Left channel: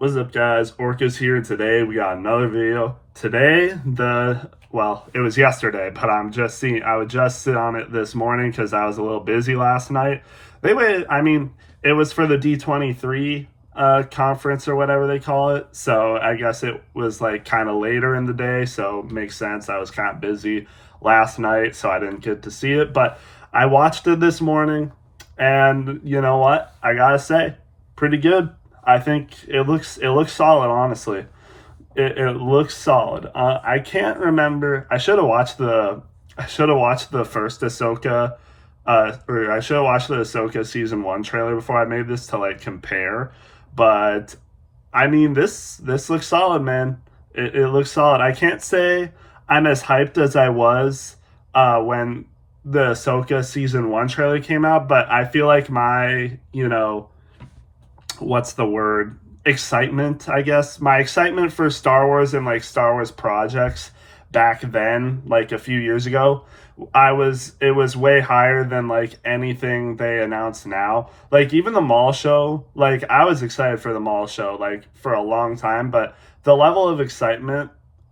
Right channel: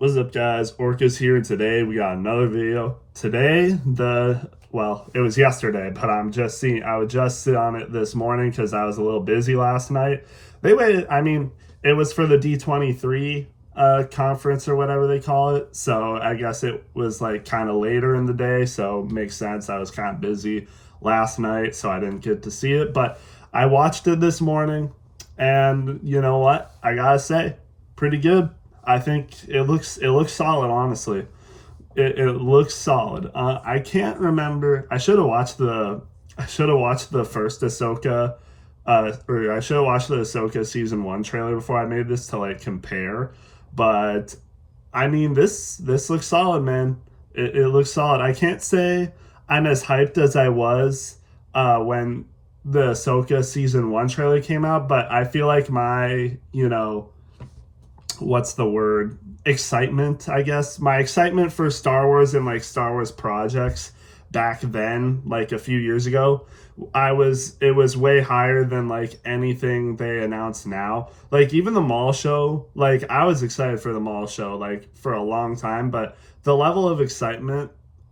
What's up, guys? Orca's here, and today we got another video. Today, it was yesterday, but I was just sit on it this morning because I was a little busy last night. They waited, it was for the D23 conference or whatever they call it. So I guess it was like kind of later in the day, so makes sense. I was kind of busy last night, so I didn't get to see it, but I watched it this morning, and you know what? I gotta say, pretty good. I think it looks solid. Honestly, it looks solid. I can't remember. I should have watched the first Ahsoka, or I should have watched the Ahsoka season 1 trailer before I made this to like compare. But this looks solid, man. It looks solid. I can't say I'm as hyped as I was when the Ahsoka season 1 trailer came out, but I feel like my what's the word, excitement, I guess, my excitement for Star Wars and like Star Wars projects back then, like a few years ago, it was way higher than like anything they announce now. Like even the mall show, like I was excited for the mall show like for a long time, but the level of excitement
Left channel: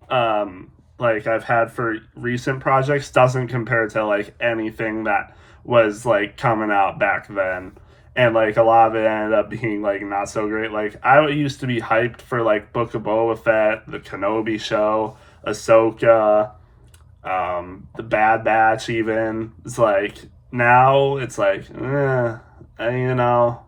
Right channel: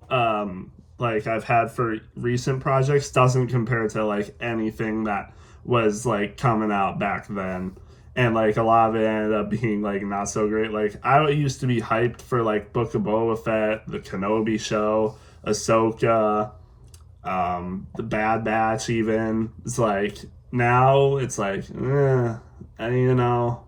like I've had for recent projects doesn't compare to like anything that was like coming out back then. And like a lot of it ended up being like not so great. Like I used to be hyped for like Book of Boba Fett, the Kenobi show, Ahsoka, the Bad Batch. Even it's like now it's like, you know,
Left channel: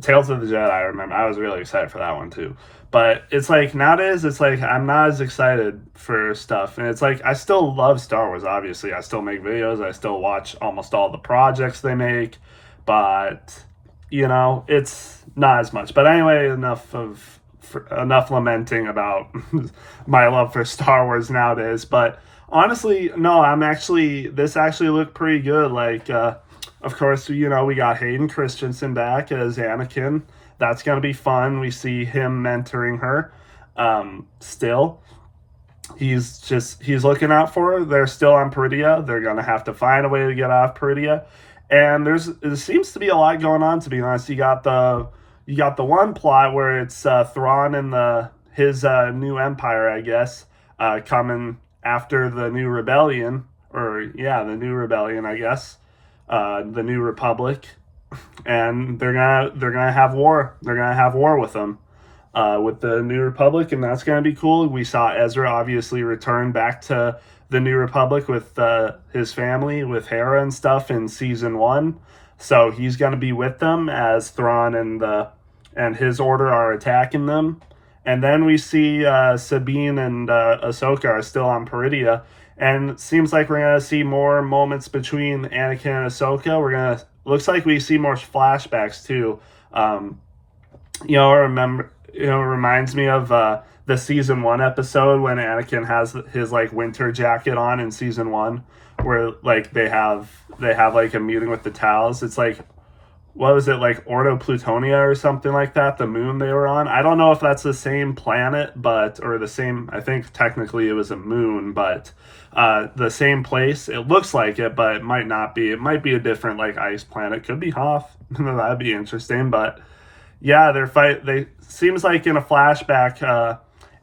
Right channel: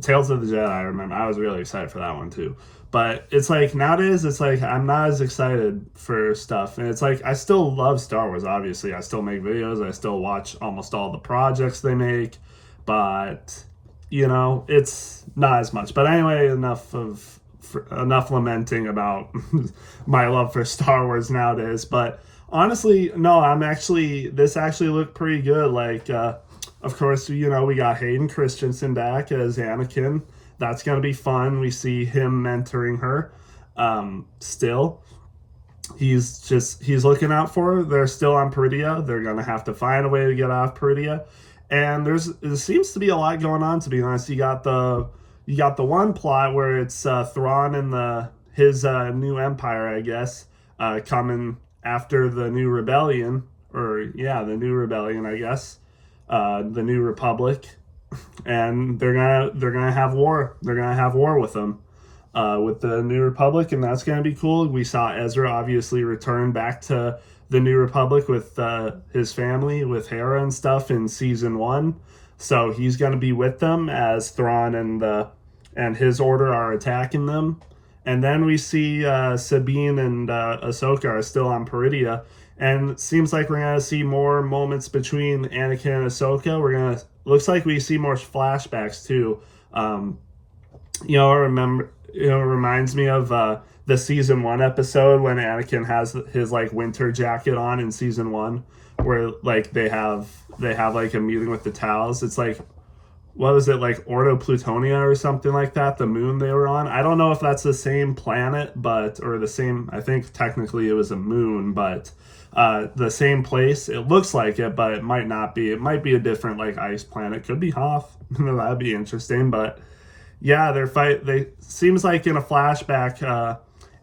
Tales of the Jedi. I remember I was really excited for that one too. But it's like nowadays, it's like I'm not as excited for stuff, and it's like I still love Star Wars. Obviously, I still make videos. I still watch almost all the projects they make, but it's not as much. But anyway, enough lamenting about my love for Star Wars nowadays. But honestly, no, this actually looked pretty good. Like, of course, we got Hayden Christensen back as Anakin. That's gonna be fun. We see him mentoring her. Still, he's looking out for her. They're still on Peridia. They're gonna have to find a way to get off Peridia. And there seems to be a lot going on. To be honest, you got the one plot where it's Thrawn and his new empire, I guess, coming after the new rebellion, or yeah, the new rebellion, I guess, the new republic, and they're gonna have war. They're gonna have war with them, with the New Republic, and that's gonna be cool. We saw Ezra obviously return back to the New Republic with his family, with Hera and stuff in season 1, so he's gonna be with them as Thrawn and his order are attacking them. And then we see Sabine and Ahsoka are still on Peridia, and it seems like we're gonna see more moments between Anakin and Ahsoka. Looks like we see more flashbacks too. It reminds me of the season 1 episode when Anakin has his like winter jacket on in season 1, where like they have like a meeting with the Tals. It's like, what was it, like Ordo Plutonia or something like that, the moon they were on. I don't know if that's the same planet, or the same, I think technically it was a moon, but the same place. It looks like it, but it might not be. It might be a different like ice planet. Could be Hoth. That'd be interesting. But yeah, they seems like in a flashback,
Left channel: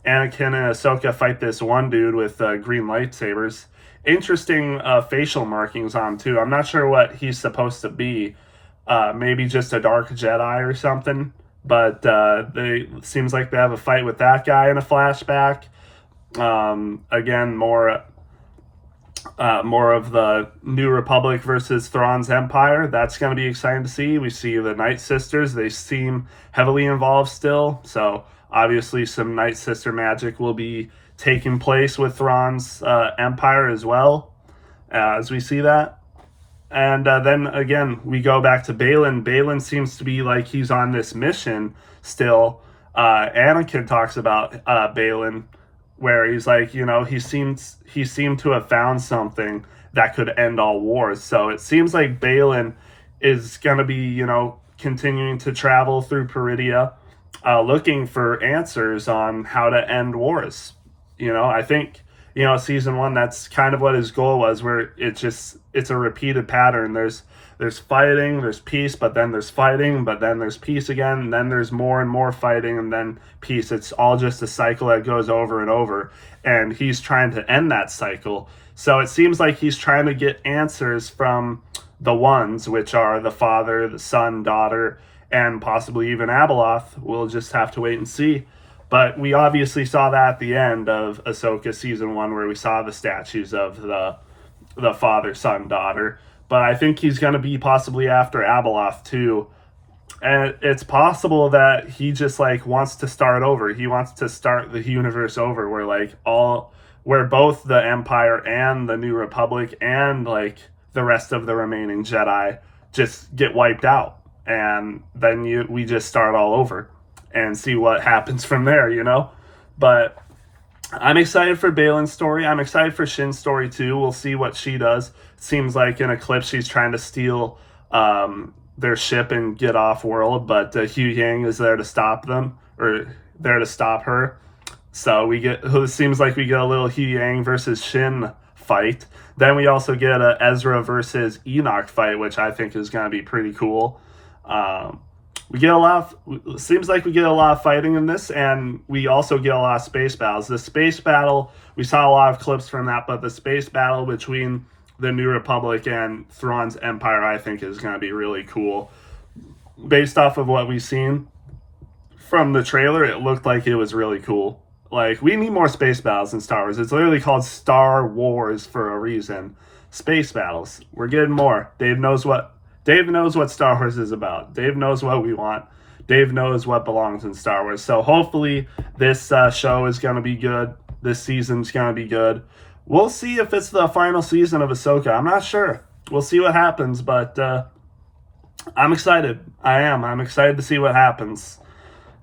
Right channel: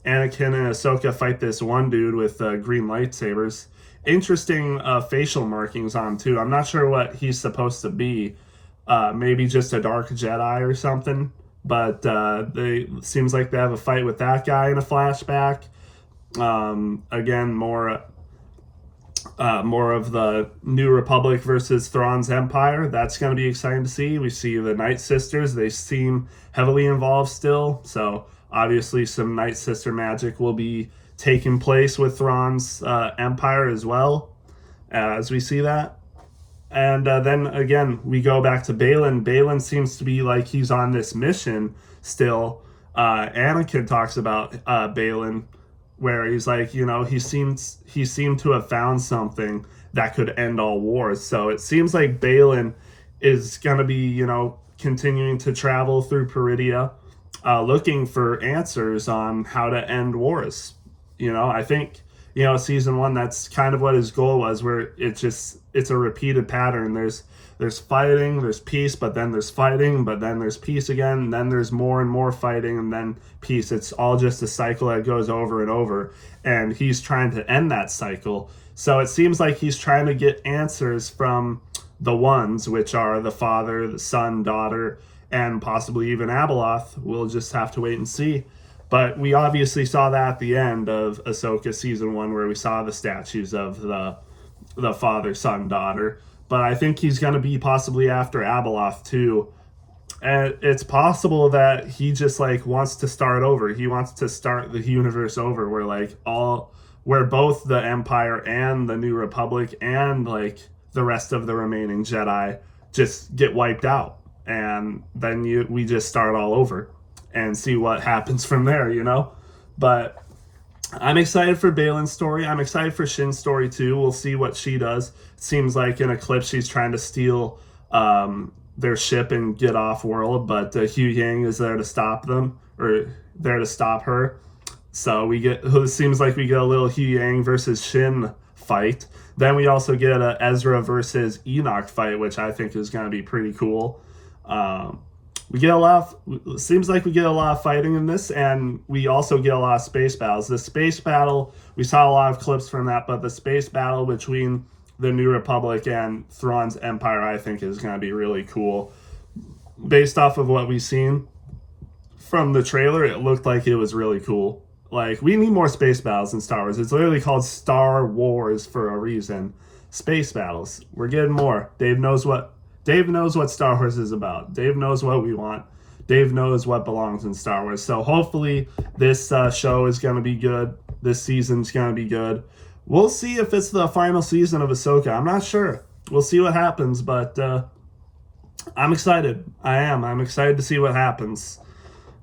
Anakin and Ahsoka fight this one dude with green lightsabers. Interesting facial markings on too. I'm not sure what he's supposed to be. Maybe just a dark Jedi or something. But they seems like they have a fight with that guy in a flashback. Again, more of the New Republic versus Thrawn's Empire. That's going to be exciting to see. We see the Night Sisters. They seem heavily involved still. So obviously some Night Sister magic will be taking place with Thrawn's Empire as well, as we see that. And then again, we go back to Baylan. Baylan seems to be like he's on this mission still. Anakin talks about Baylan, where he's like, he seemed to have found something that could end all wars. So it seems like Baylan is going to be, continuing to travel through Peridia, looking for answers on how to end wars. I think season one, that's kind of what his goal was, where it's a repeated pattern. There's fighting, there's peace, but then there's fighting, but then there's peace again, and then there's more and more fighting, and then peace. It's all just a cycle that goes over and over, and he's trying to end that cycle. So it seems like he's trying to get answers from the ones, which are the father, the son, daughter, and possibly even Abeloth. We'll just have to wait and see. But we obviously saw that at the end of Ahsoka season one, where we saw the statues of the father, son, daughter. But I think he's going to be possibly after Abeloth too. And it's possible that he just like wants to start over. He wants to start the universe over, where both the Empire and the New Republic and like the rest of the remaining Jedi just get wiped out, and then we just start all over and see what happens from there. But I'm excited for Baylan's story. I'm excited for Shin's story too. We'll see what she does. It seems like in Eclipse she's trying to steal their ship and get off world, but Hu Yang is there to stop them, or there to stop her. So it seems like we get a little Hu Yang versus Shin fight. Then we also get a Ezra versus Enoch fight, which I think is going to be pretty cool. Seems like we get a lot of fighting in this, and we also get a lot of space battles. The space battle, we saw a lot of clips from that, but the space battle between the New Republic and Thrawn's Empire, I think, is going to be really cool. Based off of what we've seen from the trailer, it looked like it was really cool. Like, we need more space battles in Star Wars. It's literally called Star Wars for a reason. Space battles. We're getting more. Dave knows what Star Wars is about. Dave knows what we want. Dave knows what belongs in Star Wars. So hopefully this show is going to be good. This season's going to be good. We'll see if it's the final season of Ahsoka. I'm not sure. We'll see what happens, but I'm excited. I am. I'm excited to see what happens.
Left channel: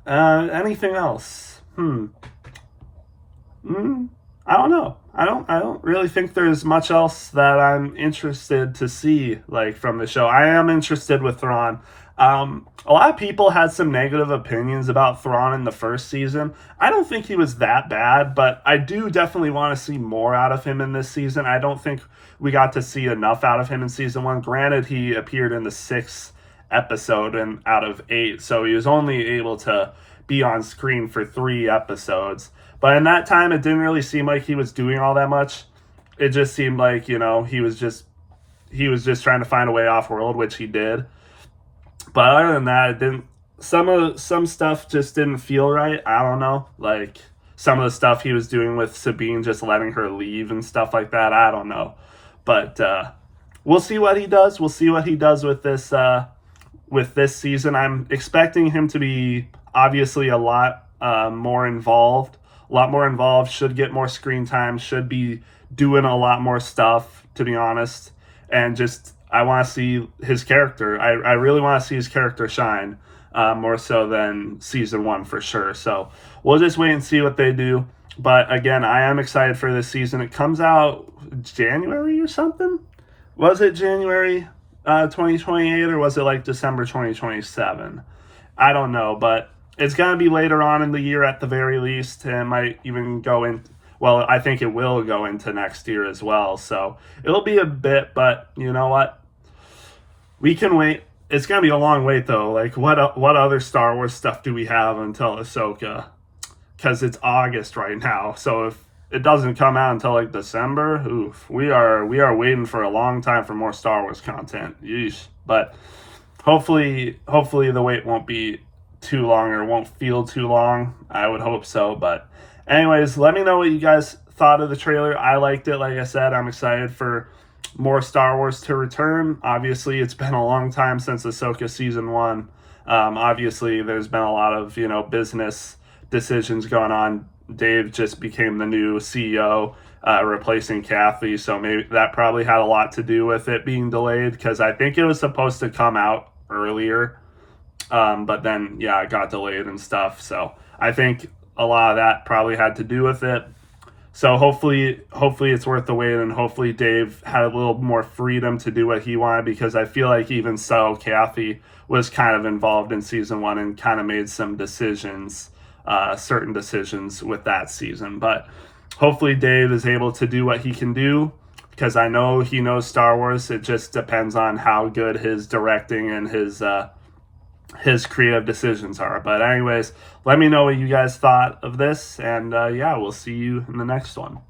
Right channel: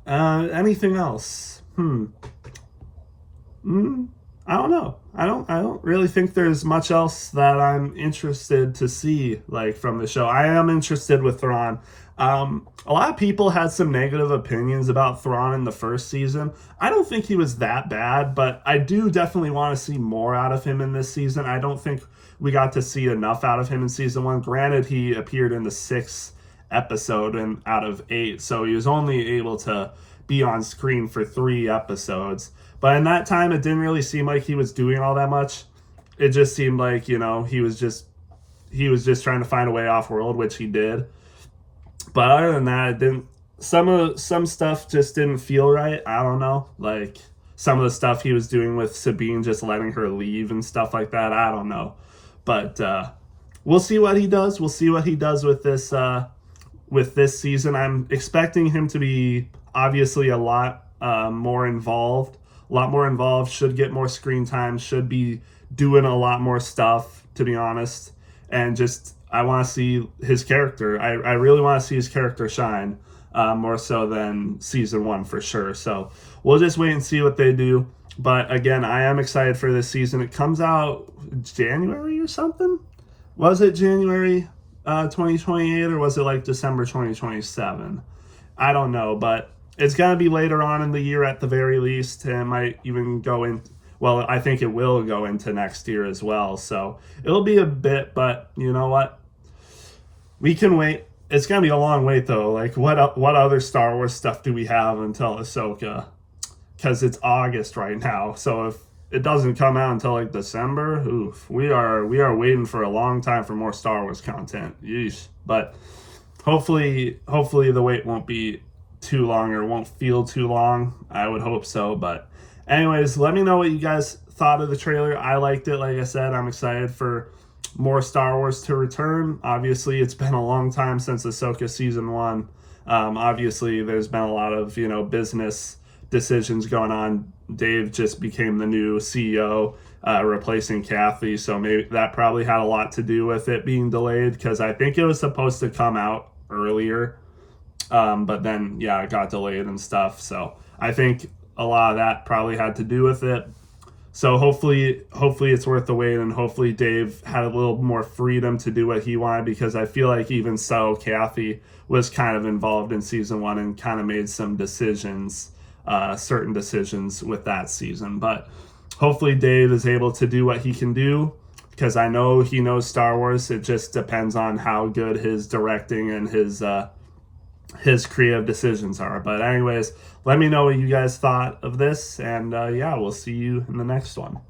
Anything else? I don't know. I don't really think there's much else that I'm interested to see, like, from the show. I am interested with Thrawn. A lot of people had some negative opinions about Thrawn in the first season. I don't think he was that bad, but I do definitely want to see more out of him in this season. I don't think we got to see enough out of him in season one. Granted, he appeared in the 6th episode and out of 8, so he was only able to be on screen for 3 episodes. But in that time, it didn't really seem like he was doing all that much. It just seemed like, he was just trying to find a way off world, which he did. But other than that, it didn't. Some stuff just didn't feel right. I don't know, like some of the stuff he was doing with Sabine, just letting her leave and stuff like that. I don't know, but we'll see what he does. We'll see what he does with this season. I'm expecting him to be obviously a lot more involved. Should get more screen time, should be doing a lot more stuff, to be honest. And just, I want to see his character. I really want to see his character shine, more so than season one for sure. So we'll just wait and see what they do. But again, I am excited for this season. It comes out January or something? Was it January 2028, or was it like December 2027? I don't know, but it's going to be later on in the year at the very least, and it might even go in. Well, I think it will go into next year as well. So it'll be a bit, but you know what? We can wait. It's going to be a long wait, though. Like, what other Star Wars stuff do we have until Ahsoka? Because it's August right now. So if it doesn't come out until like December, oof, we are waiting for a long time for more Star Wars content. Yeesh. But hopefully the wait won't be too long, or won't feel too long. I would hope so. But anyways, let me know what you guys thought of the trailer. I liked it. Like I said, I'm excited for more Star Wars to return. Obviously, it's been a long time since Ahsoka season 1. Obviously, there's been a lot of business decisions going on. Dave just became the new CEO, replacing Kathy, so maybe that probably had a lot to do with it being delayed, because I think it was supposed to come out earlier. But then, it got delayed and stuff. So I think a lot of that probably had to do with it. So hopefully it's worth the wait, and hopefully Dave had a little more freedom to do what he wanted, because I feel like even so, Kathy was kind of involved in season 1 and kind of made some decisions, certain decisions with that season. But hopefully Dave is able to do what he can do, because I know he knows Star Wars. It just depends on how good his directing and his creative decisions are. But anyways, let me know what you guys thought of this, and yeah, we'll see you in the next one.